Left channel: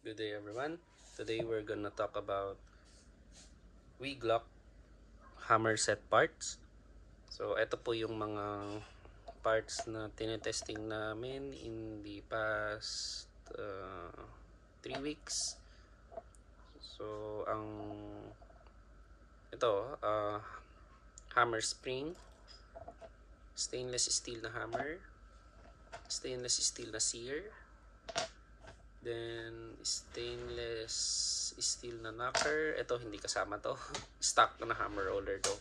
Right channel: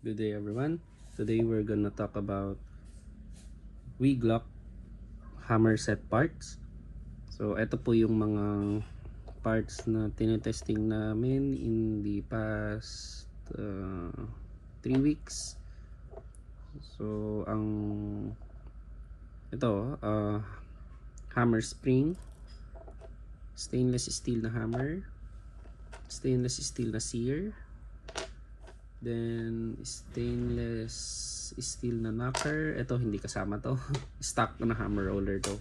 Good day everyone. Today we're gonna talk about Glock hammer set parts. So ito po yung mga parts na tinetesting namin in the past 3 weeks. So ang ito hammer spring, stainless steel na hammer, stainless steel na sear, then stainless steel na knocker. Ito hindi kasama to. Stock na hammer roller to.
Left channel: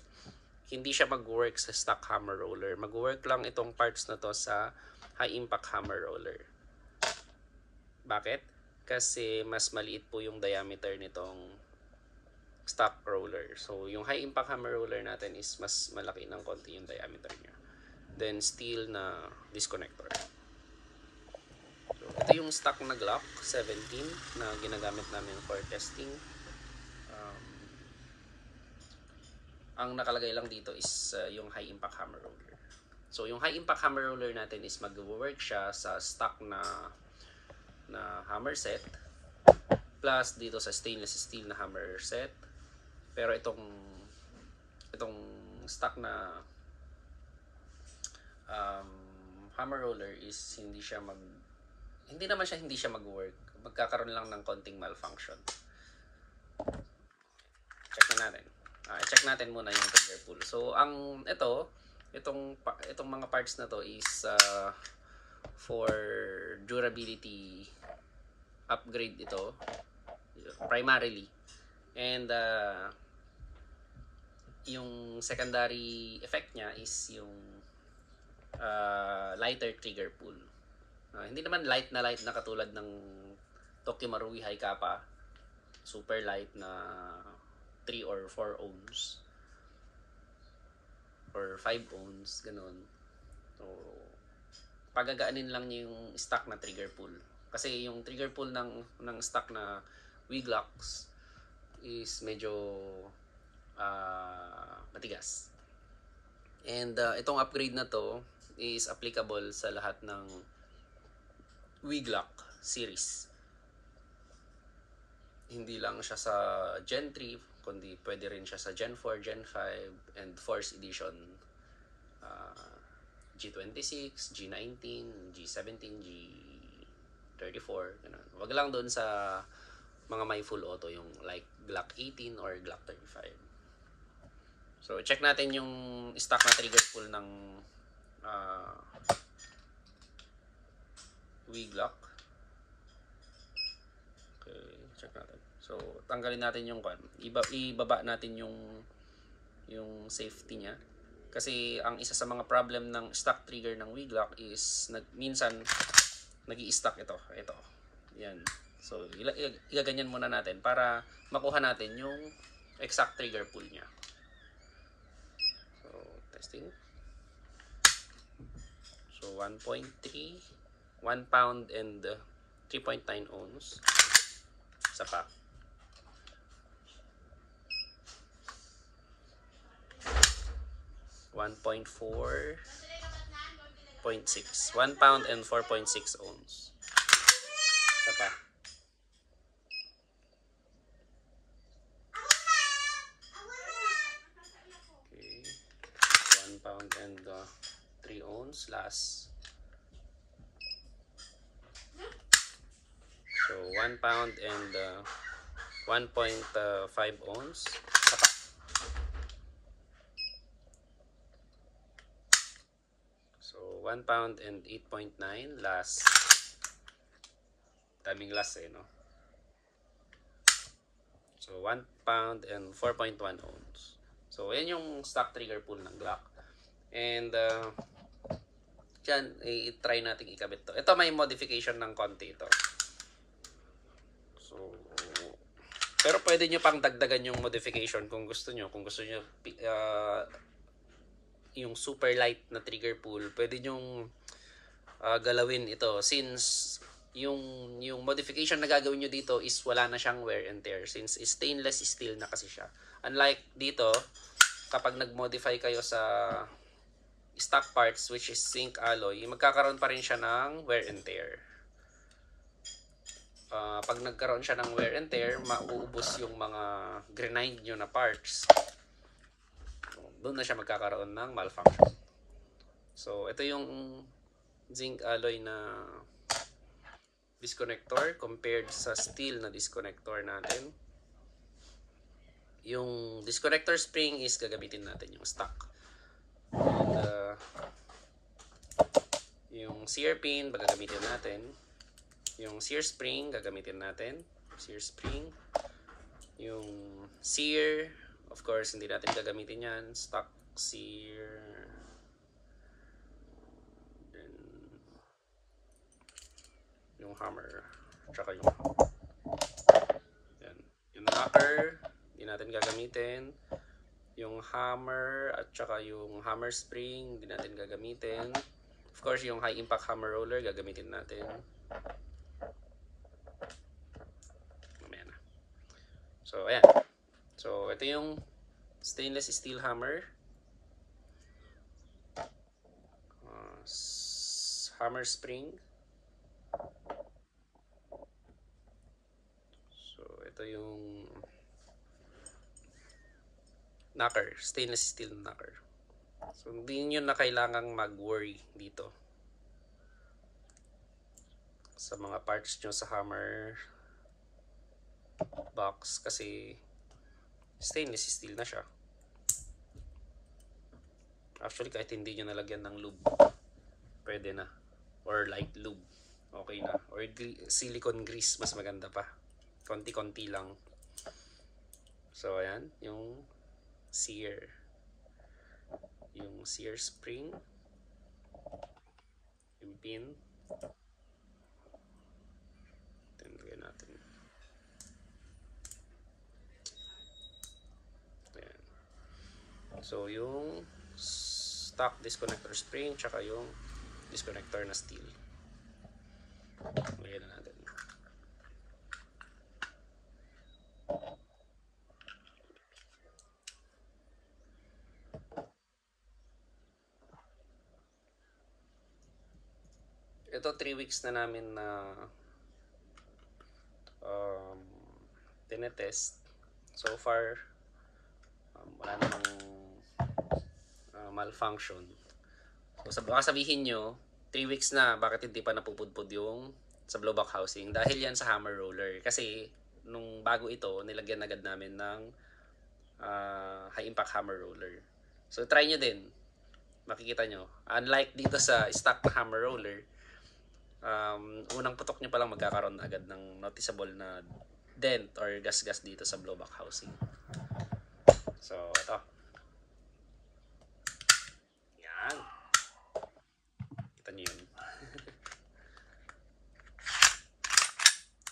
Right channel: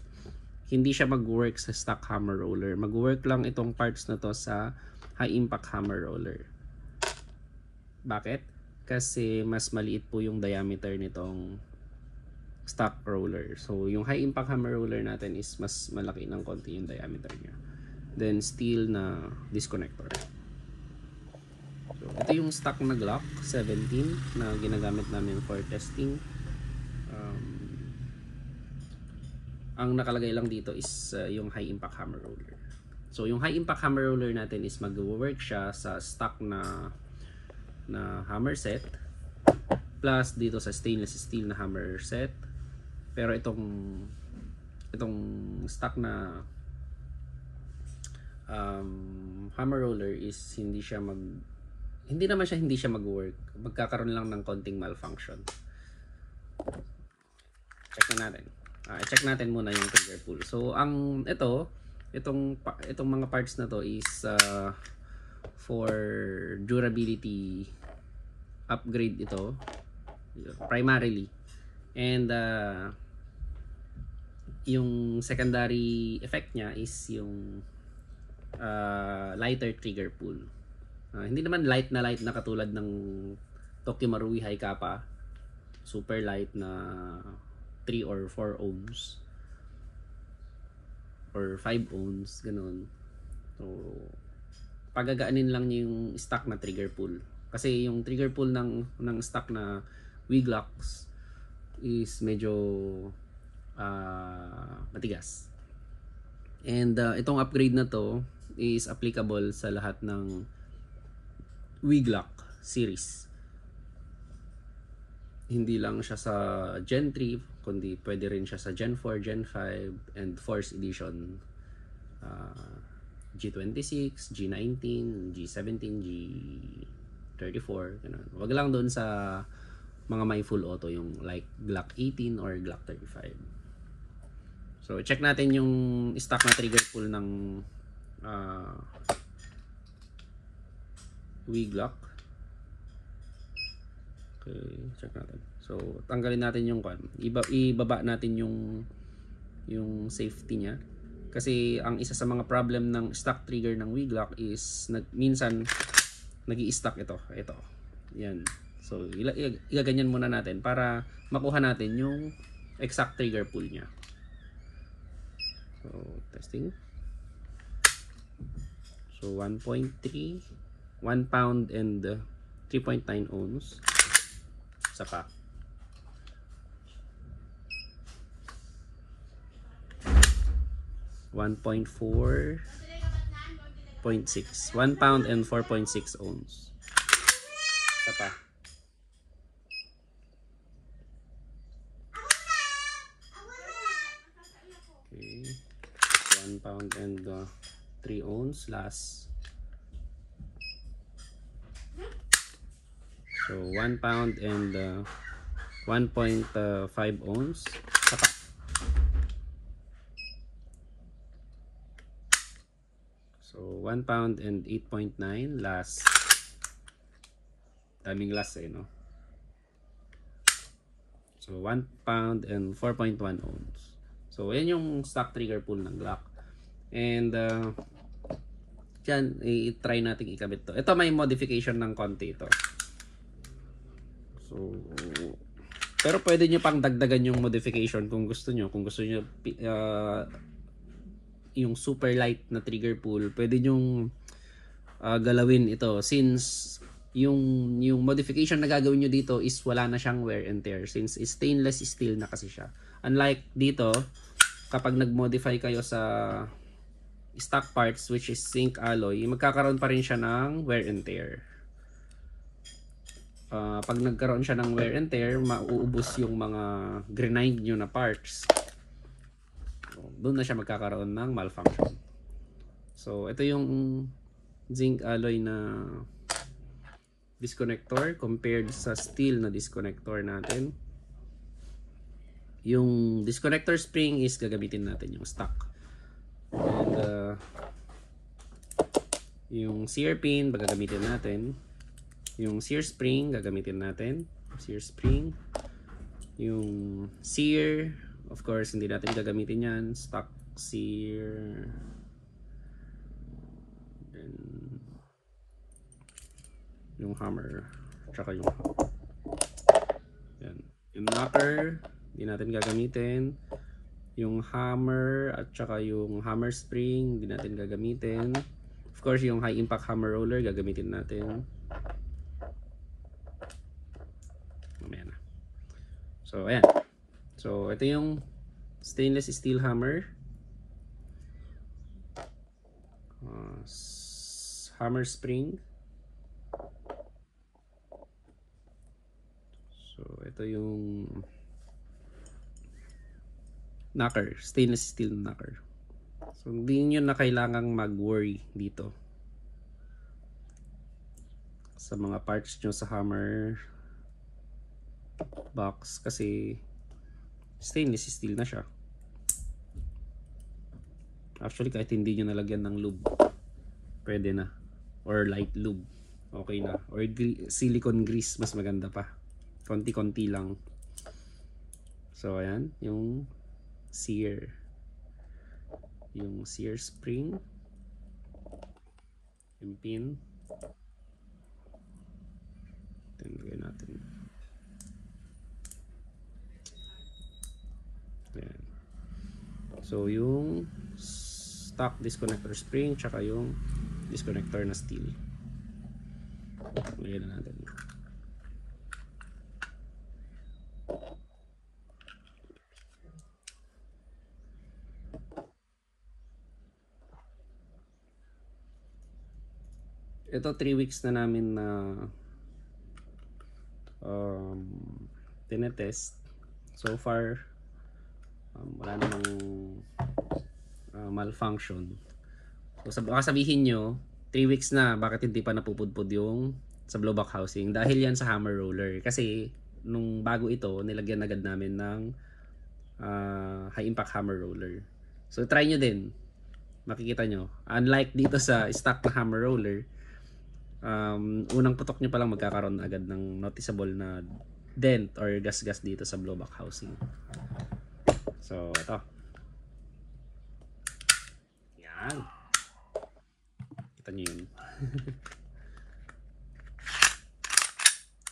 Hindi siya mag-work sa stock hammer roller. Mag-work lang itong parts na to sa high impact hammer roller. Bakit? Kasi mas maliit po yung diameter nitong stock roller. So yung high impact hammer roller natin is mas malaki ng konti yung diameter niya. Then steel na disconnector. Ito yung stock na Glock 17 na ginagamit namin for testing. Ang nakalagay lang dito is yung high impact hammer roller. So yung high impact hammer roller natin is mag-work siya sa stock na hammer set plus dito sa stainless steel na hammer set. Pero itong stock na hammer roller is hindi naman siya mag-work. Magkakaroon lang ng konting malfunction. Check natin muna yung trigger pull. So itong mga parts na to is for durability upgrade ito primarily. And yung secondary effect niya is yung lighter trigger pull. Hindi naman light na katulad ng Tokyo Marui High Kappa, super light na 3 or 4 ohms or 5 ohms, ganun. So pagagaanin lang niya yung stock na trigger pull, kasi yung trigger pull ng stock na Glocks is medyo matigas. And itong upgrade na to is applicable sa lahat ng Glock series. Hindi lang siya sa Gen 3, kundi pwede rin siya sa Gen 4, Gen 5, and 4th edition. G26, G19, G17, G34. Wag lang doon sa mga may full auto, yung like Glock 18 or Glock 35. So check natin yung stock na trigger pull ng Glock. Okay, check natin. So tanggalin natin yung ibaba natin yung safety niya, kasi ang isa sa mga problem ng stock trigger ng Glock is minsan nag-i-stuck ito. Yan. So igaganyan muna natin para makuha natin yung exact trigger pull niya. So testing. So 1.3, 1 pound and 3.9 ounce. Isa pa. $1.4.6, 1 pound and 4.6 ounce. Isa pa. Okay, 1 pound and 3 ounce last. So 1 pound and 1.5 ounce. So 1 pound and 8.9 last. Daming last no? So 1 pound and 4.1 ounce. So yan yung stock trigger pull ng Glock. And dyan, i-try natin ikabit to. Ito may modification ng konti ito. So pero pwede nyo pang dagdagan yung modification kung gusto nyo. Kung gusto nyo yung super light na trigger pull, pwede nyong galawin ito, since yung modification na gagawin nyo dito is wala na siyang wear and tear, since stainless steel na kasi siya. Unlike dito, kapag nag-modify kayo sa stock parts which is zinc alloy, magkakaroon pa rin siya ng wear and tear. pag nagkaroon siya ng wear and tear, mauubos yung mga grind nyo na parts. Doon na siya magkakaroon ng malfunction. So, ito yung zinc alloy na disconnector compared sa steel na disconnector natin. Yung disconnector spring is gagamitin natin yung stock. And yung sear pin gagamitin natin. Yung sear spring gagamitin natin. Sear spring. Yung sear, of course, hindi natin gagamitin yan. Stock sear. Yung hammer, tsaka yung yan. Yung motor, hindi natin gagamitin. Yung hammer at tsaka yung hammer spring, hindi natin gagamitin. Of course, yung high impact hammer roller, gagamitin natin. Ayan. So, ayan. So, ito yung stainless steel hammer. Hammer spring. So, ito yung knocker, stainless steel knocker. So, hindi nyo na kailangang mag-worry dito sa mga parts nyo sa hammer box kasi stainless steel na siya. Actually, kahit hindi nyo nalagyan ng lube, pwede na. Or light lube, okay na. Or silicone grease, mas maganda pa. Konti-konti lang. So, ayan. Yung sear. Yung sear spring. Yung pin. Tingnan natin. Ayan. So, yung stock disconnector spring tsaka yung disconnector na steel. Ayan natin. Ito 3 weeks na namin na tinetest. So far wala namang malfunction. So baka sabihin nyo 3 weeks na, bakit hindi pa napupudpud yung sa blowback housing? Dahil yan sa hammer roller. Kasi nung bago ito, nilagyan agad namin ng high impact hammer roller. So try nyo din. Makikita nyo, unlike dito sa stock na hammer roller, unang putok nyo pa lang magkakaroon agad ng noticeable na dent or gas-gas dito sa blowback housing. So, ito. Yan. Kita nyo yun.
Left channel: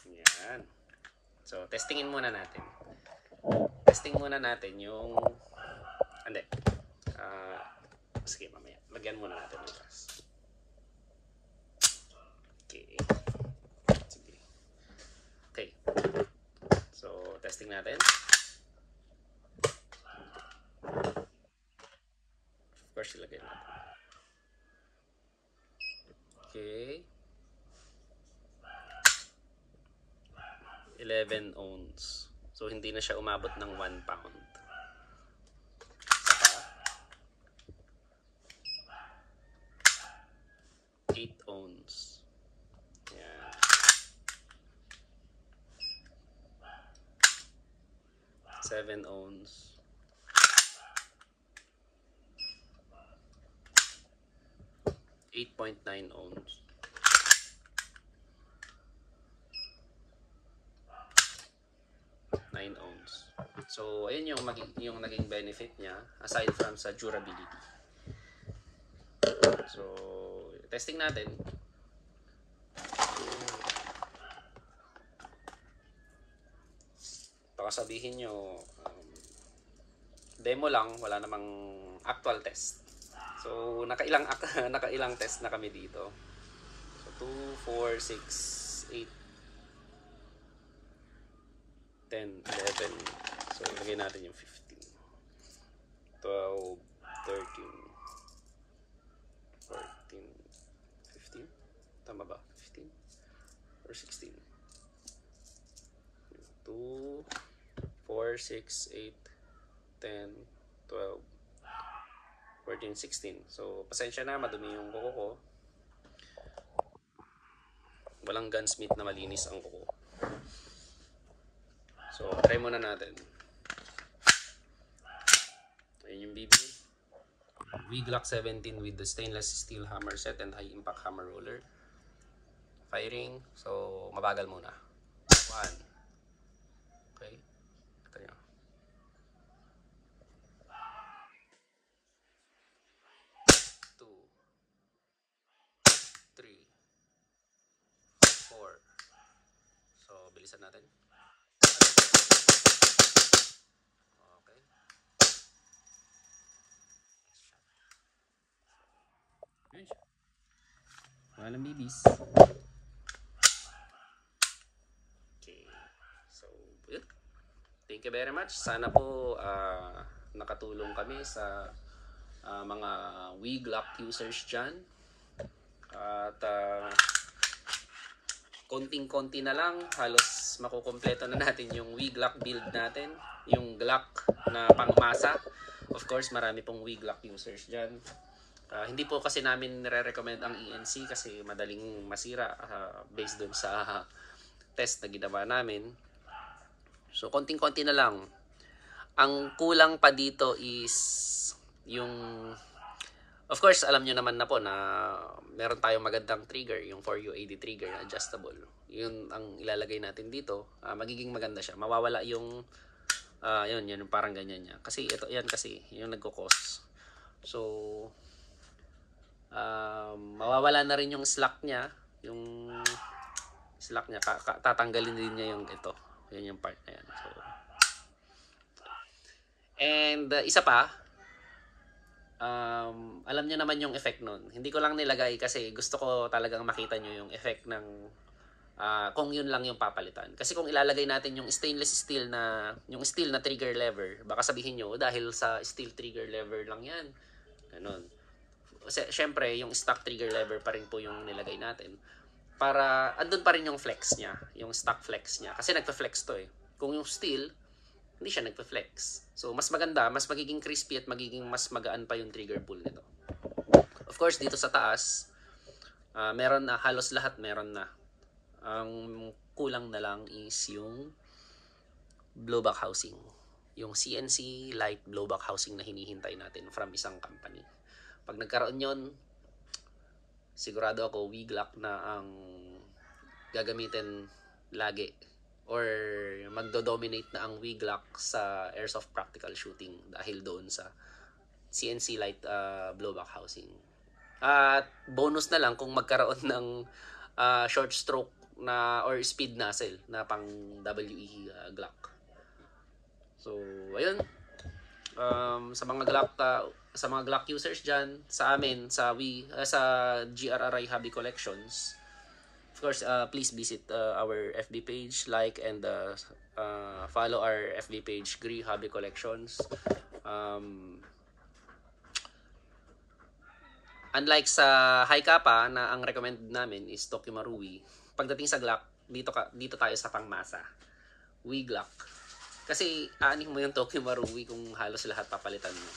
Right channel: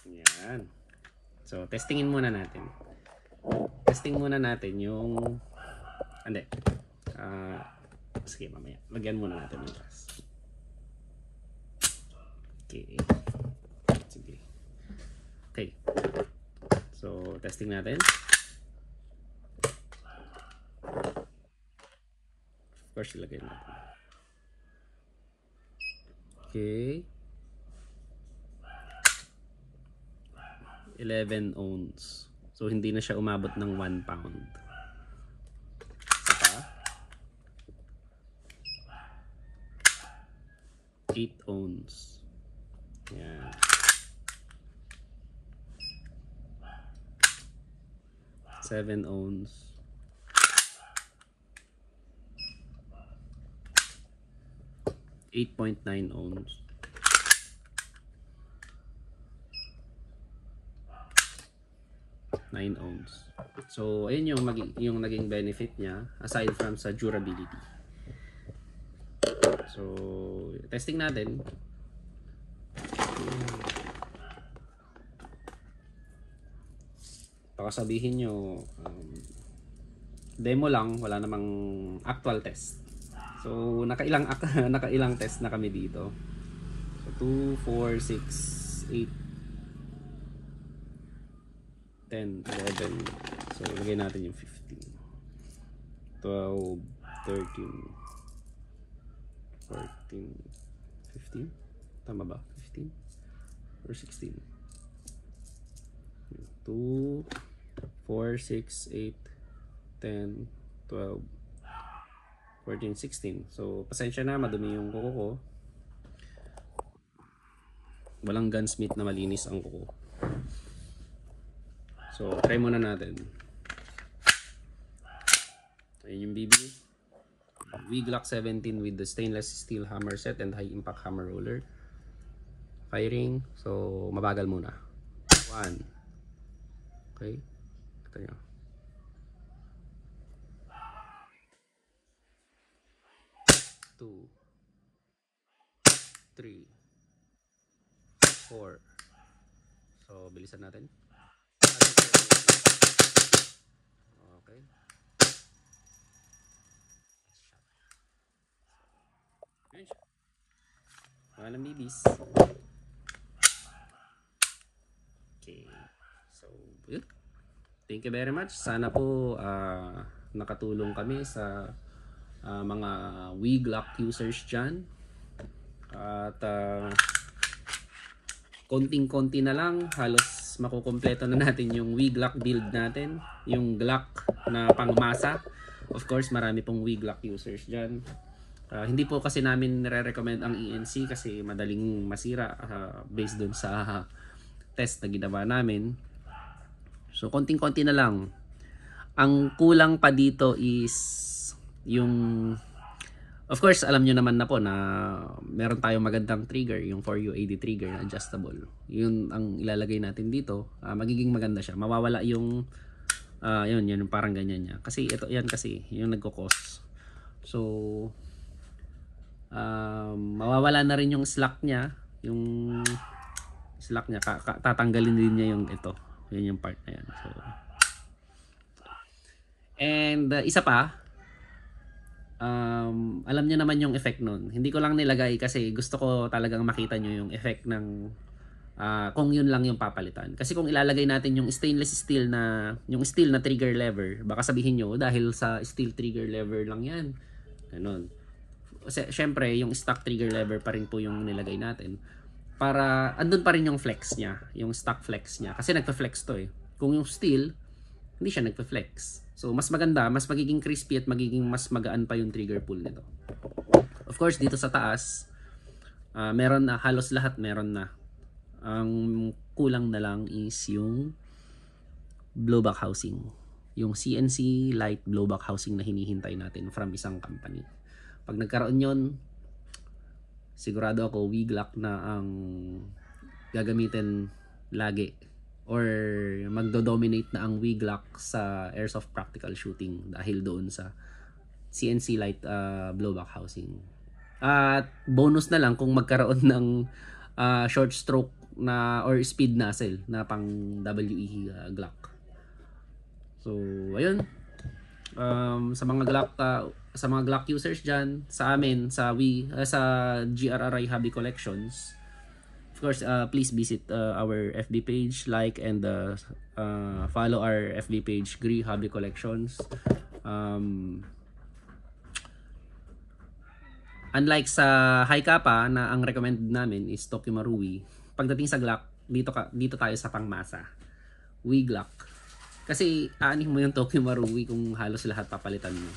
Yan. So, testingin muna natin. Testing muna natin yung hindi. Sige, mamaya. Lagyan muna natin yung gas. Okay. Sige. Okay. So, testing natin. Of course, ilagay natin. Okay. 11 ounce. So, hindi na siya umabot ng 1 pound. Saka 8 ounce. Yan. 7 ounce. 8.9 ounce. 9 ounce. So, ayun yung naging benefit niya aside from sa durability. So, testing natin. Baka sabihin nyo, demo lang, wala namang actual test. So, nakailang test na kami dito. So, 2, 4, 6, 8, 10, 11. So, ilagay natin yung 15. 12, 13, 14, 15. Tama ba? 15 or 16? 2, 4, 6, 8, 10, 12, 14, 16. So, pasensya na, madumi yung kuko ko. Walang gunsmith na malinis ang kuko. So, try muna natin. Ayun yung BB. Glock 17 with the stainless steel hammer set and high impact hammer roller. Firing. So, mabagal muna. 1. Okay. Ito nyo. 2, 3, 4. So, bilisan natin. Okay. Yun siya. Wala ng BBs. Okay. So, yun. Thank you very much. Sana po nakatulong kami sa mga Glock users dyan. At konting-konti na lang, halos makukumpleto na natin yung Glock build natin, yung Glock na pangmasa. Of course, marami pong Glock users dyan. Hindi po kasi namin nire-recommend ang ENC kasi madaling masira based dun sa test na ginawa namin. So, konting-konti na lang. Ang kulang pa dito is yung, of course, alam nyo naman na po na meron tayong magandang trigger, yung 4U80 trigger, adjustable. Yun ang ilalagay natin dito. Magiging maganda siya. Mawawala yung, yun, parang ganyan niya. Kasi ito, yan kasi, yung nagkukos. So, mawawala na rin yung slack niya. Yung slack niya, tatanggalin din niya yung ito. Yun yung part na yan. So, and isa pa, alam nyo naman yung effect nun. Hindi ko lang nilagay kasi gusto ko talagang makita nyo yung effect ng kung yun lang yung papalitan. Kasi kung ilalagay natin yung stainless steel na trigger lever, baka sabihin nyo dahil sa steel trigger lever lang yan. Ganun. Siyempre, yung stock trigger lever pa rin po yung nilagay natin. Para andun pa rin yung flex niya, yung stock flex niya. Kasi nagpa-flex to eh. Kung yung steel, hindi siya nagpa-flex. So, mas maganda, mas magiging crispy at magiging mas magaan pa yung trigger pull nito. Of course, dito sa taas, meron na, halos lahat meron na. Ang kulang na lang is yung blowback housing. Yung CNC light blowback housing na hinihintay natin from isang company. Pag nagkaroon yun, sigurado ako Glock na ang gagamitin lagi or magdo-dominate na ang Glock sa airsoft practical shooting dahil doon sa CNC light blowback housing. At bonus na lang kung magkaroon ng short stroke na or speed nozzle na pang WE Glock. So ayun, sa mga Glock users dyan, sa amin, sa GRRI Hobby Collections, of course, please visit our FB page, like and follow our FB page, GRI Hobby Collections. Unlike sa high kappa na ang recommended namin is Tokyo Marui, pagdating sa Glock, dito tayo sa pangmasa. Glock. Kasi aanin mo yung Tokyo Marui kung halos lahat papalitan mo.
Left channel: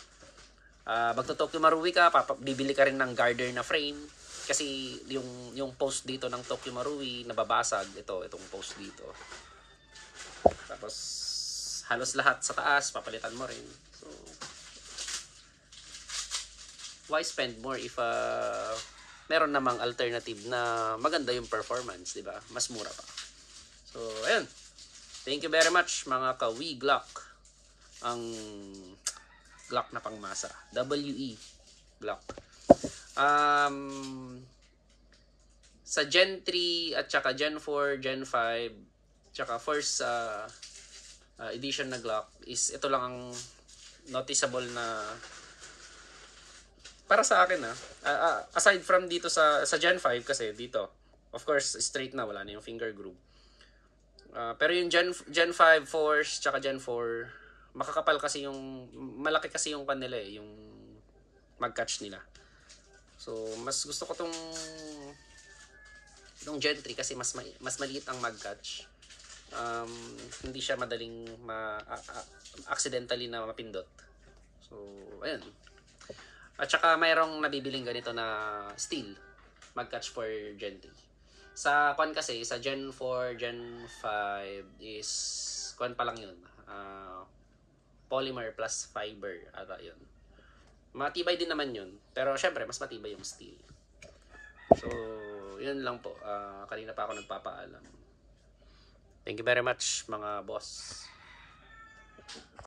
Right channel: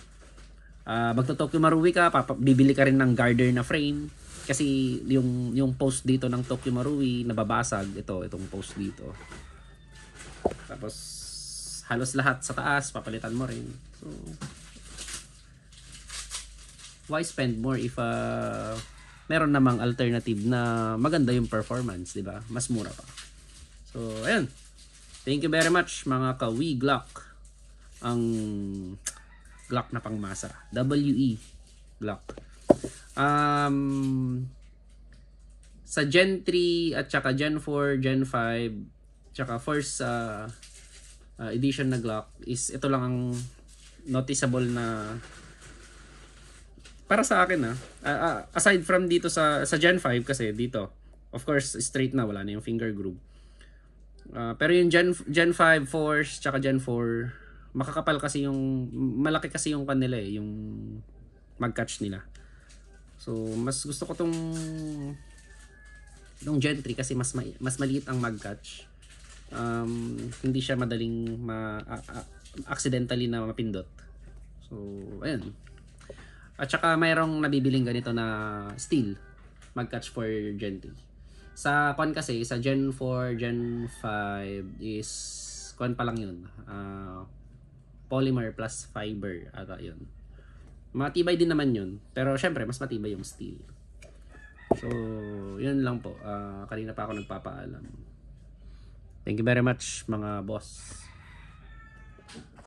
Magto-Tokyo Marui ka, bibili ka rin ng garter na frame kasi yung post dito ng Tokyo Marui nababasag, itong post dito. Tapos halos lahat sa taas papalitan mo rin. So why spend more if meron namang alternative na maganda yung performance, di ba? Mas mura pa. So ayun. Thank you very much mga Glock. Ang Glock na pangmasa. WE Glock. Sa Gen 3 at saka Gen 4, Gen 5, tsaka first edition na Glock is ito lang ang noticeable na para sa akin aside from dito sa Gen 5 kasi dito of course straight na, wala na yung finger groove. Pero yung Gen 5 Force tsaka Gen 4 makakapal kasi yung malaki kasi yung kanila yung mag-catch nila. So mas gusto ko tong Gen 3 kasi mas maliit ang mag-catch. Hindi siya madaling accidentally na mapindot. So, ayan. At saka mayroong nabibiling ganito na steel mag-catch for Gen 3. Sa kwan kasi, sa Gen 4, Gen 5 is kwan pa lang yun. Polymer plus fiber ata yun. Matibay din naman yun. Pero syempre, mas matibay yung steel. So, yun lang po. Kanina pa ako nagpapaalam. Thank you very much mga boss.